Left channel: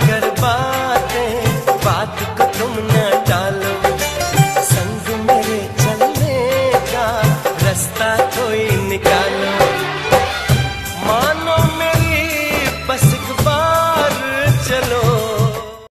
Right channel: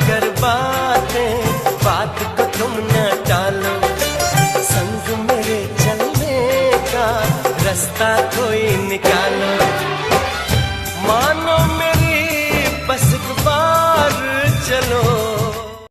कर बातें, बात को तुम न टालो, संग मेरे चलने का रास्ता कोई निकालो। मानो मेरी बस एक बार चलो।